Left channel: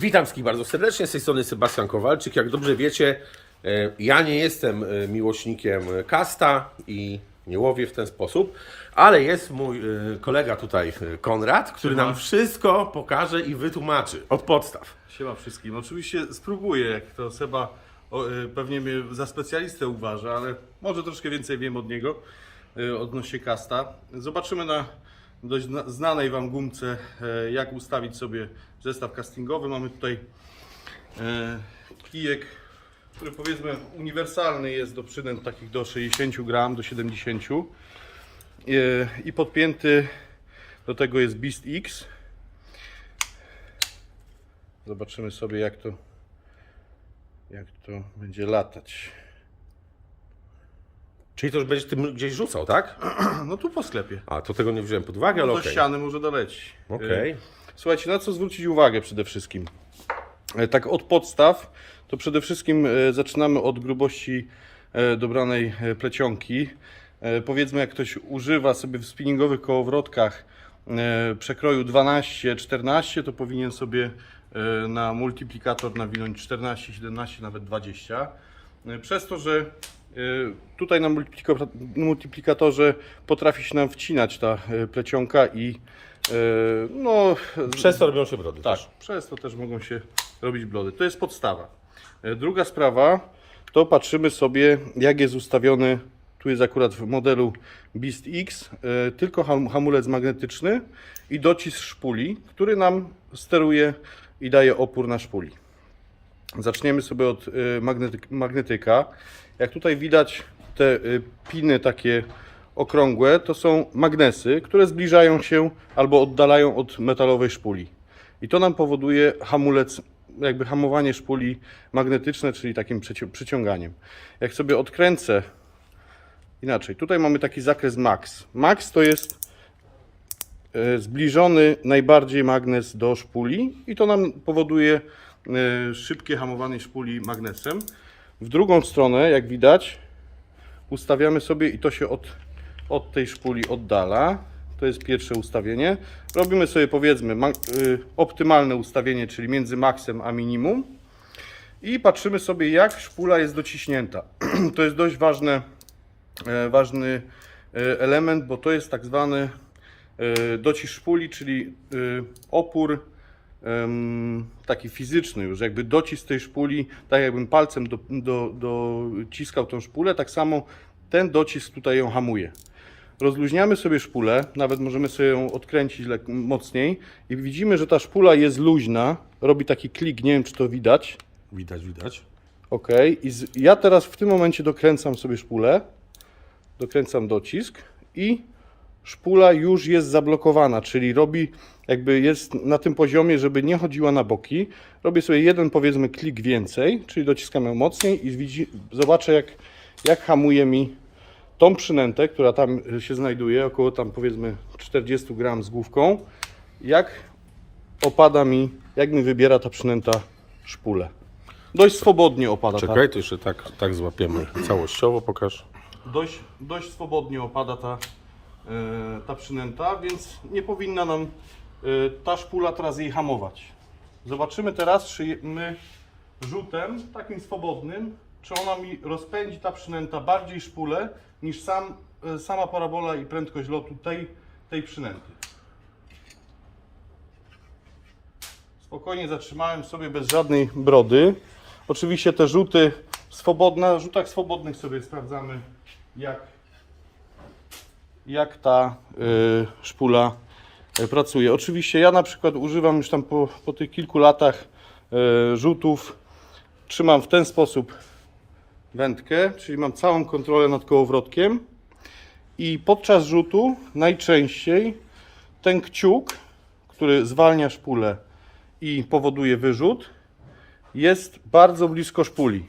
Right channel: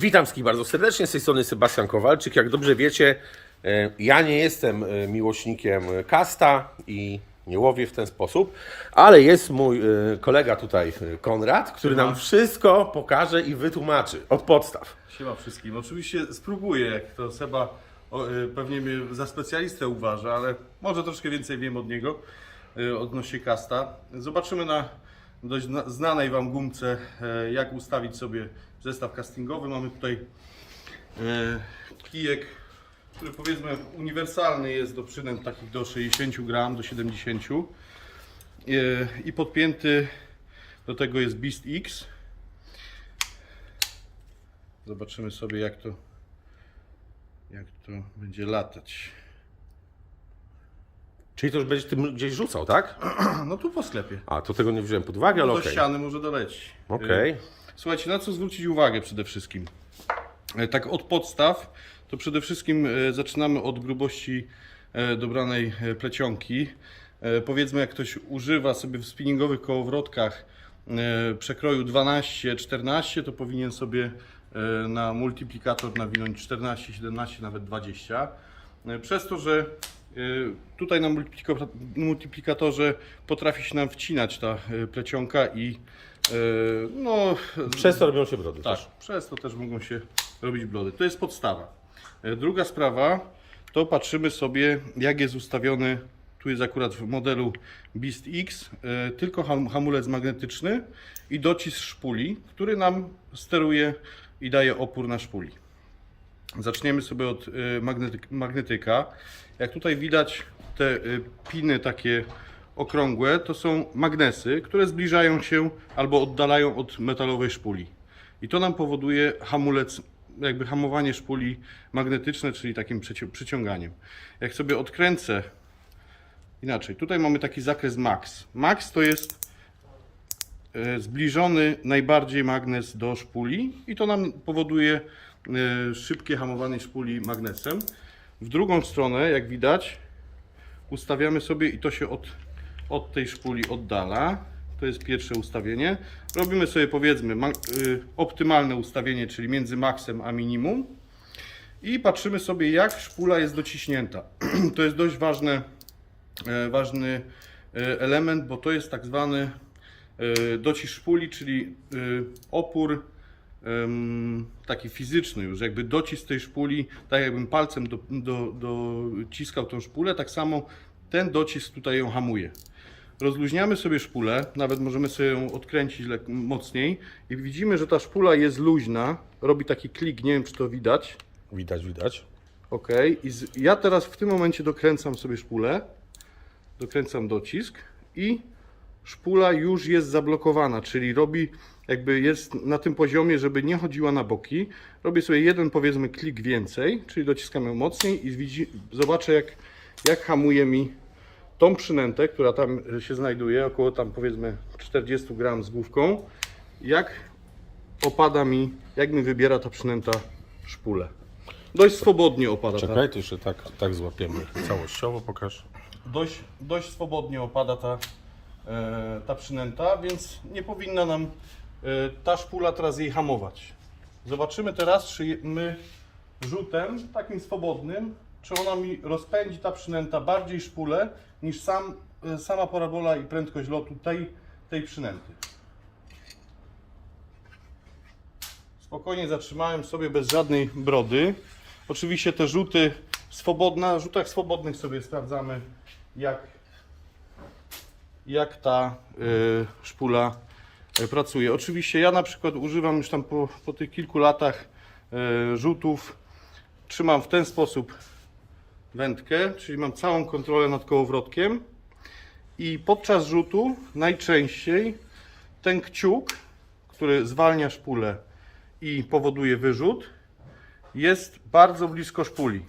Witam wszystkich bardzo serdecznie, z tej strony Sebastian Kowalczyk. Jak dobrze wiecie, e, ja nie jestem e, miłośnikiem kasta i nie łowię w ten sposób, ale jest mój e, kolega tutaj, e, Konrad, który nam wszystko pokaże i wytłumaczy od podstaw. Siema wszystkim. Oczywiście spróbuję, jak to Seba pewnie mnie za specjalistę uważa, ale może troszkę więcej wiem od niego odnośnie kasta. Zobaczymy na dość zna- znanej Wam gumce, y, jak ustawić sobie zestaw castingowy. Mamy tutaj y, kijek, który powiedzmy uniwersalny jest do przynęt takich do 60 gram, do 70 Y, i podpięty do tego jest Beast X. Zobaczymy sobie jak to jak to będzie latać. Czyli to już będziesz tym gdzieś rzucał, tak? No tu po sklepie. A, to tego nie wziąłem pod uwagę, ale Do okej. ściany może doleci. Okej. Y, Słuchajcie, na co zwrócić uwagę przede wszystkim? E, Tak od podstaw, to przede wszystkim e, zaczynamy od grubości e, dobranej e, plecionki. E, Powiedzmy, jak ktoś używa sobie w spinningowych kołowrotkach e, przekroju 12-14, to powinien sobie e, na multiplikator nawinąć 14, 17, nawet 20. E, Przez to, że tutaj na multiplika- multiplikatorze potrafi się nam wcinać ta e, plecionka i e, no, Przez to robią się brody tak, też. przez to też mogą się robić blody. To jest podstawa. Druga sprawa, to patrzymy sobie, jak jest ustawiony, tu jest akurat w modelu Beast X, tylko ham- hamulec magnetyczny i docisk szpuli, który nam steruje i daje opór na szpuli. Zaczniemy sobie od magnety, magnetyka. Jak tutaj widać, te e, piny takie okrągłe to są magnesy, które zbliżają się albo oddalają od metalowej szpuli. I to nam powoduje hamulec, jakby hamowanie szpuli magnetyczne, czyli takim przyci- przyciąganiem. Jak sobie odkręcę inaczej, tutaj mamy taki zakres max. Max to jest e, zbliżony najbardziej magnes do szpuli i to nam powoduje szybkie hamowanie szpuli magnesem. W drugą stronę, jak widać, ustawiamy sobie i to się od, od tej szpuli oddala. To jest pierwsze ustawienie. Robimy sobie powiedzmy y, optymalne ustawienie, czyli między maksem a minimum. I patrzymy sobie jak szpula jest dociśnięta. to jest dość ważne, e, ważny e, element, bo to jest tak zwany e, docisk szpuli, czyli e, opór taki fizyczny już, jakby docisk tej szpuli, tak jakbym palcem do, do, dociskał tą szpulę, tak samo ten docisk tutaj ją hamuje. Rozluźniamy sobie szpulę, nawet możemy sobie ją odkręcić mocniej i widzimy, że ta szpula jest luźna, robi taki klik, nie wiem czy to widać. Widać, widać. Ok, i z, ja teraz w tym momencie dokręcam sobie szpulę, dokręcam docisk i szpula już jest zablokowana, czyli robi, jakby jest na tym poziomie, żeby nie chodziła na boki. Robię sobie jeden powiedzmy klik więcej, czyli dociskam ją mocniej i widzi, zobaczę jak, jak hamuje mi tą przynętę, która tam się znajduje, około tam powiedzmy 40 gram z główką, jak opada mi, jak mi wybiera ta przynęta szpulę. Dość swobodnie opada ta, Czekaj, to jeszcze tak, tak złapiemy całościowo, pokaż. dość, dość swobodnie opada ta, ta przynęta, więc nie powinna nam e, ta szpula teraz jej hamować. Zobaczymy teraz, czy my rzutem takim swobodnym, czy ona mi rozpędzi ta przynęta bardziej szpulę niż sam, e, sama parabola i prędkość lotu tej, tej przynęty. Spokojnie zatrzymałem sobie bez żadnej brody. Oczywiście te rzuty swobodne, na rzutach swobodnych sobie sprawdzamy jak, jak ta y, szpula y, pracuje. Oczywiście ja na przykład używam już tam po, po tych kilku latach y, rzutów. Trzymam w ten sposób wędkę, czyli mam całą kontrolę nad kołowrotkiem i podczas rzutu najczęściej ten kciuk, który zwalnia szpulę i powoduje wyrzut, jest bardzo blisko szpuli.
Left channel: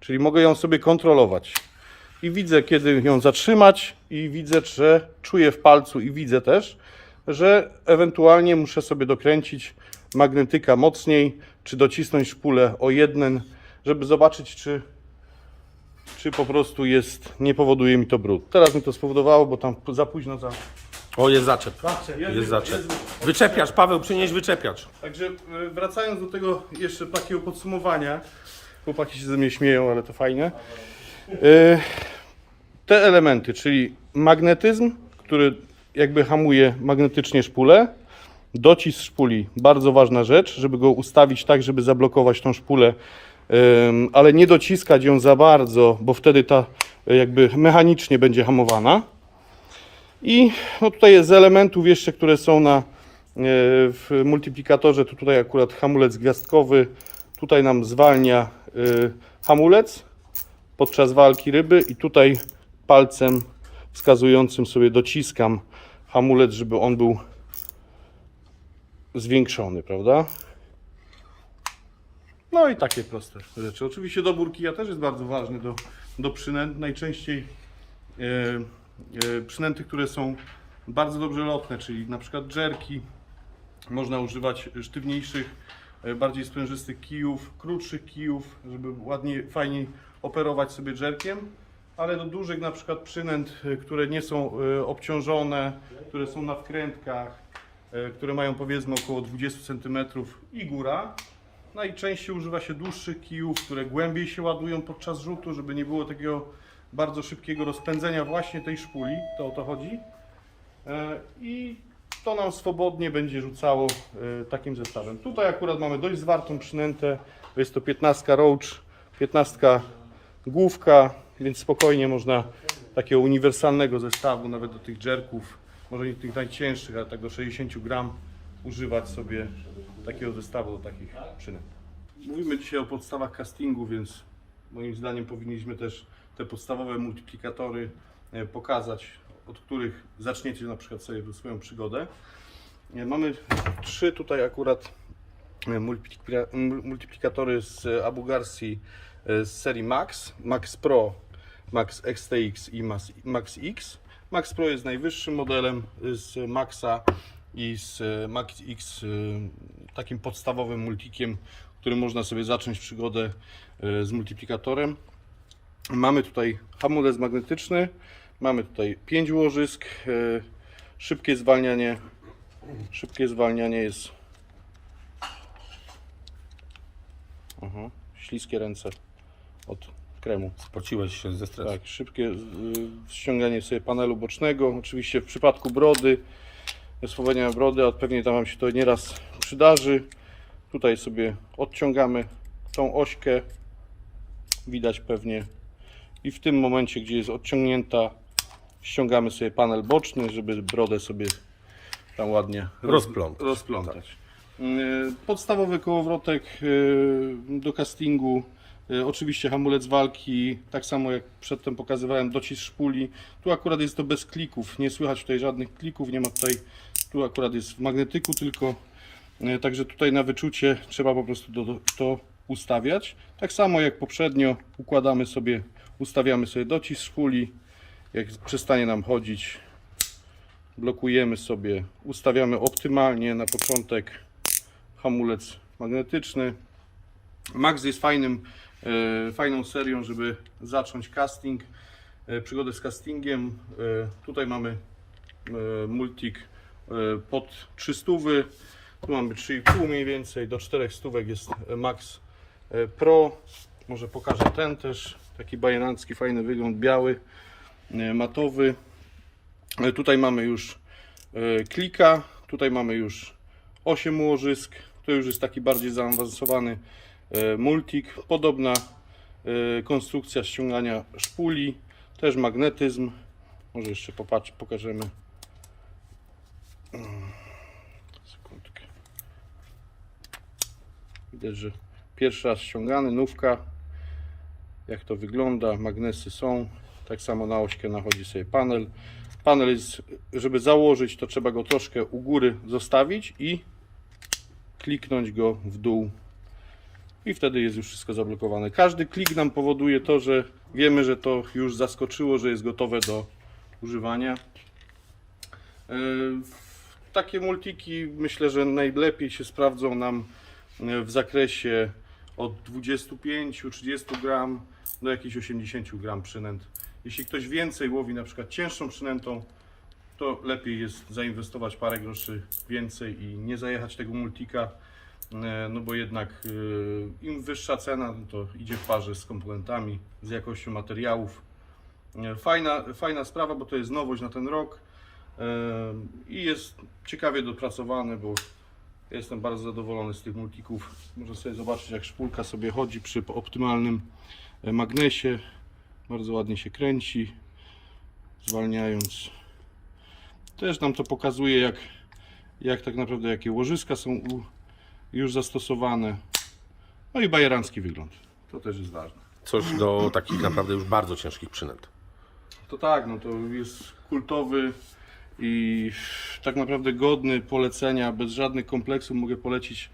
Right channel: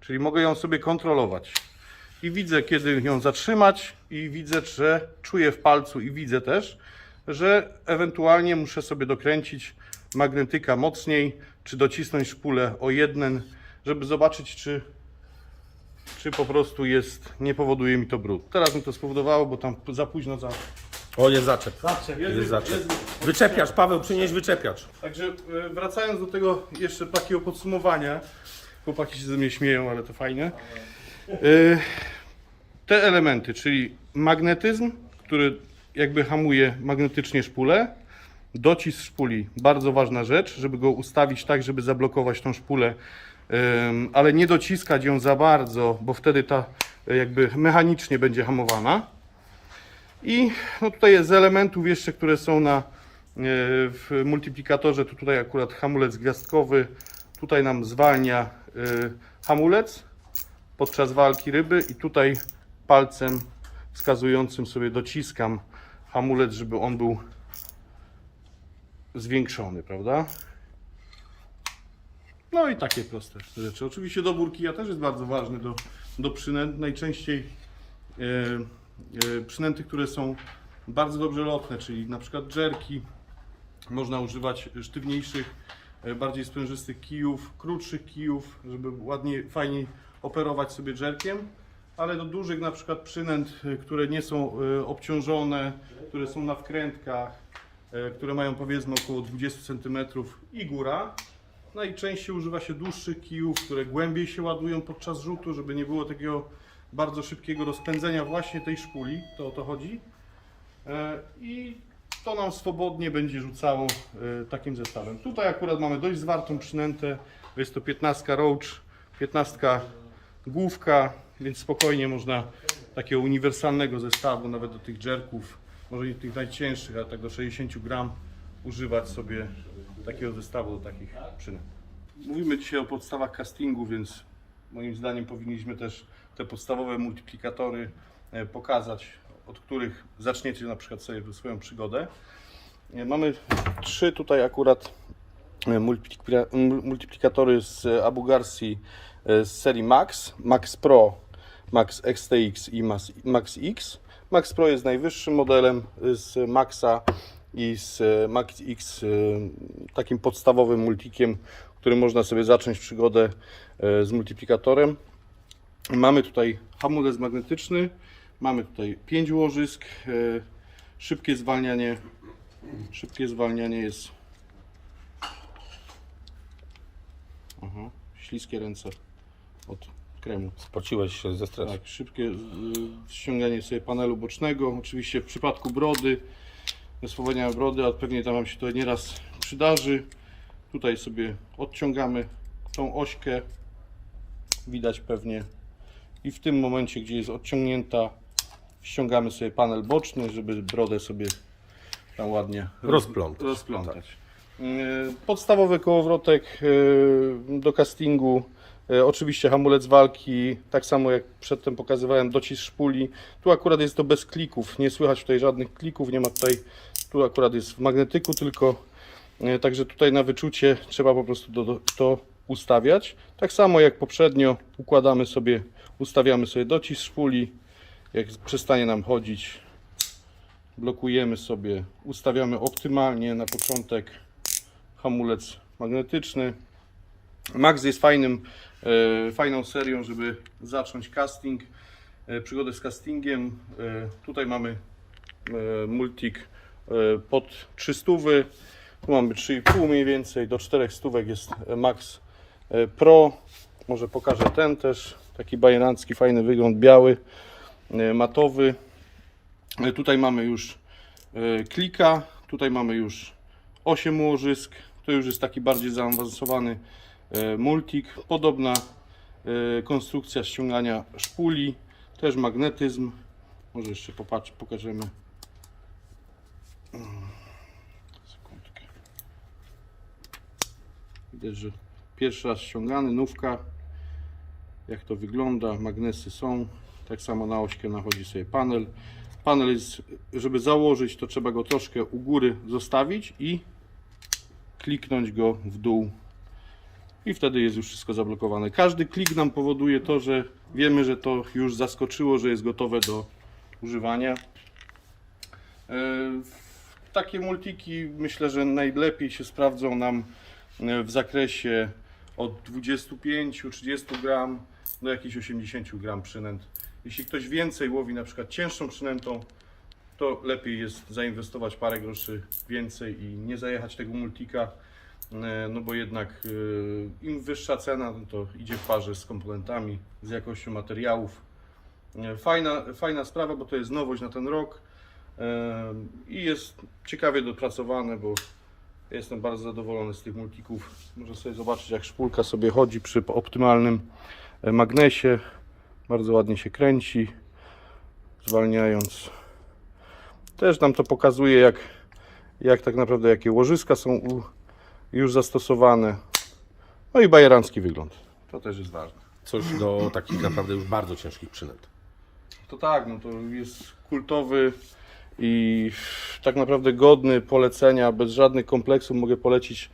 Czyli mogę ją sobie kontrolować. I widzę, kiedy ją zatrzymać, i widzę, że czuję w palcu, i widzę też, że ewentualnie muszę sobie dokręcić magnetyka mocniej, czy docisnąć szpulę o jeden, żeby zobaczyć, czy, czy po prostu jest, nie powoduje mi to brud. Teraz mi to spowodowało, bo tam za późno za, O, jest zaczep. Jest, Jest zaczep. jest- Wyczepiacz, Paweł, przynieś wyczepiacz. Także e, wracając do tego jeszcze takiego podsumowania, chłopaki się ze mnie śmieją, ale to fajne. E, Te elementy, czyli magnetyzm, który jakby hamuje magnetycznie szpulę, docisk szpuli, bardzo ważna rzecz, żeby go ustawić tak, żeby zablokować tą szpulę, em, ale nie dociskać ją za bardzo, bo wtedy ta jakby mechanicznie będzie hamowana. I no tutaj jest z elementów jeszcze, które są na, e, w multiplikatorze, to tutaj akurat hamulec gwiazdkowy, tutaj nam zwalnia hamulec podczas walki ryby i tutaj palcem wskazującym sobie dociskam hamulec, żeby on był zwiększony, prawda? No i takie proste rzeczy. Oczywiście dobór kija też jest bardzo ważny do, do przynęt. Najczęściej e, e, przynęty, które są bardzo dobrze lotne, czyli na przykład dżerki. Można używać sztywniejszych, e, bardziej sprężystych kijów, krótszych kijów, żeby ładnie, fajniej operować sobie dżerkiem. Ale do dużych na przykład przynęt, e, które nie są e, obciążone, które są na wkrętkach, e, które mają powiedzmy około 20 cm i góra, Najczęściej używa się dłuższych kijów, które głębiej się ładują podczas rzutu, żeby nie było takiego bardzo szybkiego rozpędzenia właśnie tej szpuli, to o to chodzi. E, I to nam swobodnie będzie rzucało takim zestawem. Tutaj akurat mamy dość zwartą przynętę, jest to 15 roach, 15 główka, więc spokojnie można takiego uniwersalnego zestawu, nawet do tych jerków, może nie tych najcięższych, ale tak do 60 gram używać sobie takiego zestawu do takich przynęt. Mówimy dzisiaj o podstawach castingu, więc moim zdaniem powinniśmy też te podstawowe multiplikatory e, pokazać, od których zaczniecie na przykład sobie swoją przygodę. E, Mamy trzy tutaj akurat e, multiplika- mul- multiplikatory z Abu Garci e, z serii Max, Max Pro, Max XTX i Max, X. Max Pro jest najwyższym modelem z Maxa i z e, Max X takim podstawowym multikiem, którym można sobie zacząć przygodę z multiplikatorem. Mamy tutaj hamulec magnetyczny, mamy tutaj 5 łożysk, szybkie zwalnianie. Szybkie zwalnianie jest. Aha, śliskie ręce kremu. Spociłeś się ze stresu. Tak, szybkie ściąganie sobie panelu bocznego. Oczywiście w przypadku brody, swobodnia brody, a pewnie tam Wam się to nieraz przydarzy. Tutaj sobie odciągamy tą ośkę. Widać pewnie. I w tym momencie, gdzie jest odciągnięta, ściągamy sobie panel boczny, żeby brodę sobie tam ładnie roz- Rozplątać. rozplątać. Y, Podstawowy kołowrotek y, do castingu. Y, Oczywiście hamulec walki, tak samo jak przedtem pokazywałem, docisk szpuli. Tu akurat jest to bez klików, nie słychać tutaj żadnych klików, nie ma tutaj, tu akurat jest w magnetyku tylko. Y, Także tutaj na wyczucie trzeba po prostu do, to ustawiać. Tak samo jak poprzednio układamy sobie, ustawiamy sobie docisk szpuli. Jak przestanie nam chodzić, blokujemy sobie, ustawiamy optymalnie na początek hamulec magnetyczny. Max jest fajnym, e, fajną serią, żeby zacząć casting, e, przygodę z castingiem. E, tutaj mamy e, multik e, pod 300, tu mamy 3,5 mniej więcej, do 4 stówek jest Max e, Pro. Może pokażę ten też, taki bajerancki, fajny wygląd, biały, e, matowy. E, Tutaj mamy już e, klika, tutaj mamy już 8 łożysk, to już jest taki bardziej zaawansowany e, multik. Podobna e, konstrukcja ściągania szpuli, też magnetyzm. Może jeszcze popatrz, pokażemy. Mm, Sekundkę. Widać, że pierwszy raz ściągany, nówka. Jak to wygląda, magnesy są. Tak samo na ośkę nachodzi sobie panel. Panel jest, żeby założyć, to trzeba go troszkę u góry zostawić i kliknąć go w dół. I wtedy jest już wszystko zablokowane. Każdy klik nam powoduje to, że wiemy, że to już zaskoczyło, że jest gotowe do używania. E, Takie multiki myślę, że najlepiej się sprawdzą nam e, w zakresie od 25-30 gram do jakichś 80 gram przynęt. Jeśli ktoś więcej łowi na przykład cięższą przynętą, to lepiej jest zainwestować parę groszy więcej i nie zajechać tego multika, no bo jednak e, im wyższa cena, no to idzie w parze z komponentami, z jakością materiałów. E, Fajna, fajna sprawa, bo to jest nowość na ten rok e, i jest ciekawie dopracowane, bo jestem bardzo zadowolony z tych multików. Można sobie zobaczyć, jak szpulka sobie chodzi przy optymalnym e, magnesie. Bardzo ładnie się kręci, zwalniając. Też nam to pokazuje, jak, jak tak naprawdę jakie łożyska są u, już zastosowane. No i bajerancki wygląd. To też jest ważne. Coś do takich naprawdę już bardzo ciężkich przynęt. To tak, no to jest kultowy i tak naprawdę godny polecenia, bez żadnych kompleksów mogę polecić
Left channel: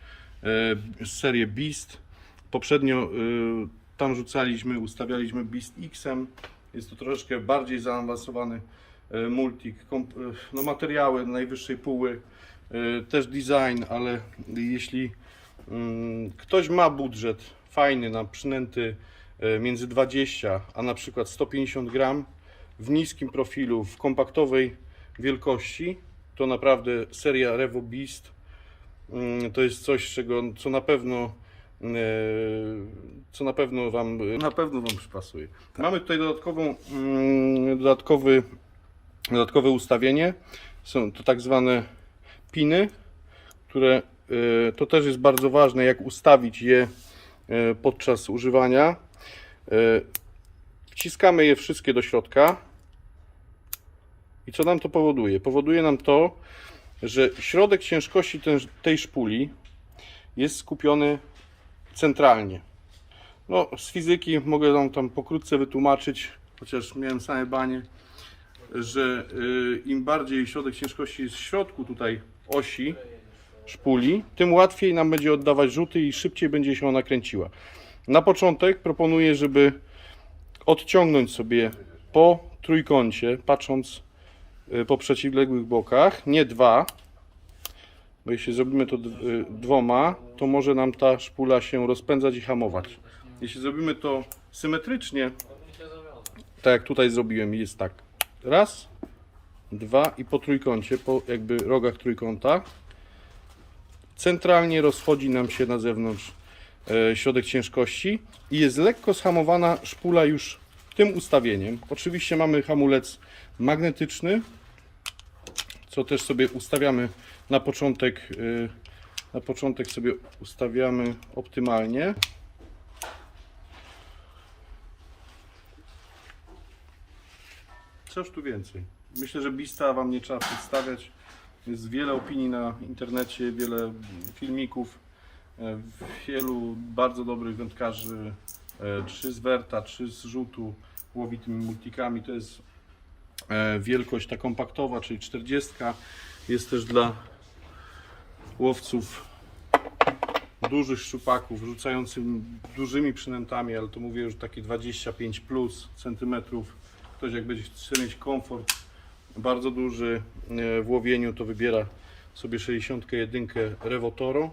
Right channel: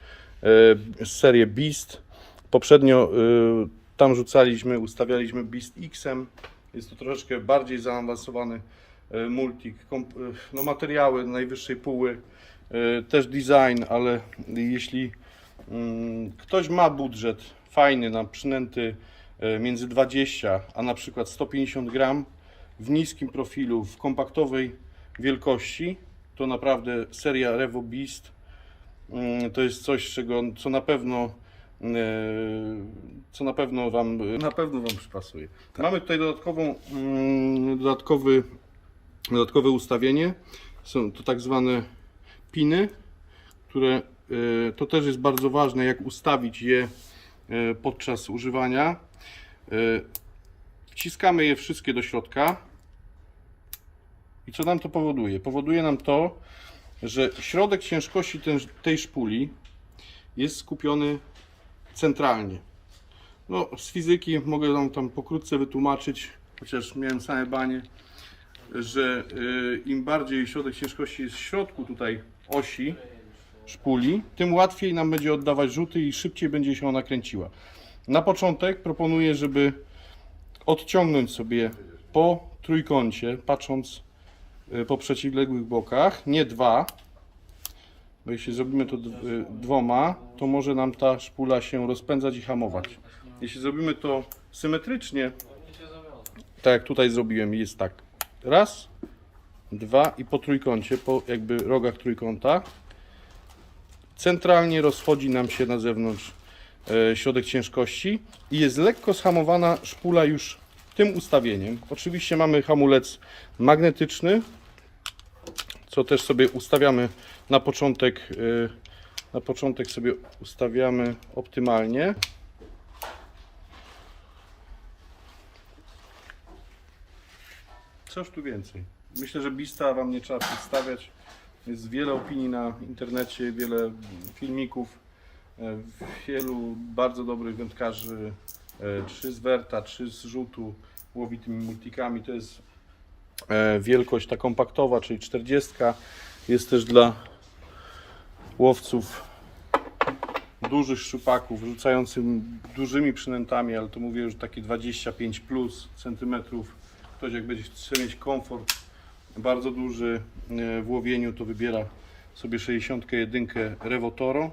e, serię Beast. Poprzednio e, tam rzucaliśmy, ustawialiśmy Beast X-em. Jest to troszeczkę bardziej zaawansowany e, multik. Komp, e, no materiały najwyższej póły, też design, ale jeśli mm, ktoś ma budżet fajny na przynęty e, między 20 a na przykład 150 gram, w niskim profilu, w kompaktowej wielkości, to naprawdę seria Revo Beast mm, to jest coś, czego, co na pewno e, co na pewno Wam na pewno Wam przypasuje. Mamy tutaj dodatkową, mm, dodatkowy, dodatkowe ustawienie. Są to tak zwane piny, które e, to też jest bardzo ważne, jak ustawić je e, podczas używania. E, Wciskamy je wszystkie do środka. I co nam to powoduje? Powoduje nam to, że środek ciężkości tej szpuli jest skupiony centralnie. No, z fizyki mogę Wam tam pokrótce wytłumaczyć, chociaż miałem same banie, że im bardziej środek ciężkości jest w środku tutaj osi szpuli, tym łatwiej nam będzie oddawać rzuty i szybciej będzie się ona kręciła. Na początek proponuję, żeby odciągnąć sobie po trójkącie, patrząc y, po przeciwległych bokach, nie dwa, bo jeśli zrobimy to y, dwoma, to może nam ta szpula się rozpędzać i hamować. Jeśli zrobimy to symetrycznie, tak jak tutaj zrobiłem, jest tak, raz, dwa i po trójkącie, po jakby rogach trójkąta, centralnie rozchodzi nam się na zewnątrz e, środek ciężkości i jest lekko zhamowana szpula już tym ustawieniem. Oczywiście mamy hamulec magnetyczny, co też sobie ustawiamy na początek, e, na początek sobie ustawiamy optymalnie. Cóż tu więcej? Myślę, że Bista Wam nie trzeba przedstawiać. Jest wiele opinii na internecie, wiele filmików. E, Wielu bardzo dobrych wędkarzy, e, czy z Werta, czy z rzutu, łowi tymi multikami. To jest e, wielkość ta kompaktowa, czyli 40. Jest też dla łowców dużych szczupaków, rzucających dużymi przynętami, ale to mówię już takie 25 plus centymetrów. Ktoś jak będzie chce mieć komfort bardzo duży e, w łowieniu, to wybiera sobie 61 Revo Toro.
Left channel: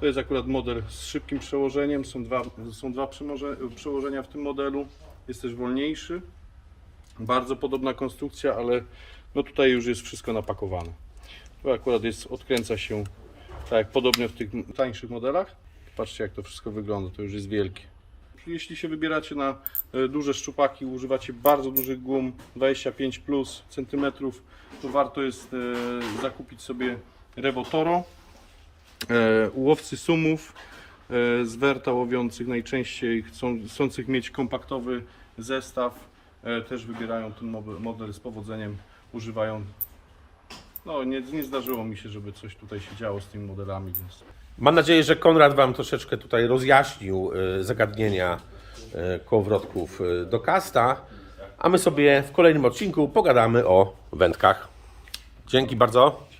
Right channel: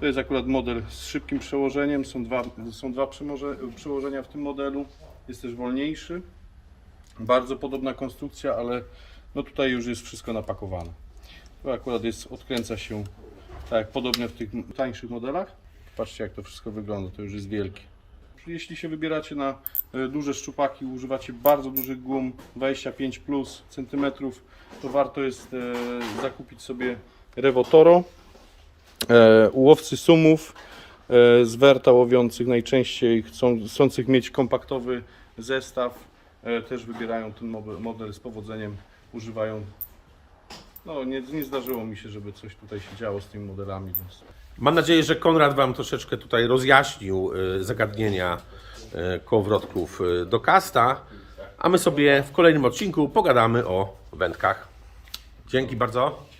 To jest akurat model z szybkim przełożeniem. Są dwa, są dwa przełoże- przełożenia w tym modelu. Jest też wolniejszy. Bardzo podobna konstrukcja, ale no tutaj już jest wszystko napakowane. To akurat jest, odkręca się tak podobnie w tych tańszych modelach. Patrzcie jak to wszystko wygląda, to już jest wielkie. Jeśli się wybieracie na e, duże szczupaki, używacie bardzo dużych gum, 25 plus centymetrów, to warto jest e, zakupić sobie Revo Toro. E, sumów z werta łowiących najczęściej chcą, chcących mieć kompaktowy zestaw też wybierają ten model z powodzeniem, używają. No nie, nie zdarzyło mi się, żeby coś tutaj się działo z tymi modelami, więc Mam nadzieję, że Konrad Wam troszeczkę tutaj rozjaśnił y, zagadnienia y, kołowrotków y, do kasta, a my sobie w kolejnym odcinku pogadamy o wędkach. Dzięki bardzo.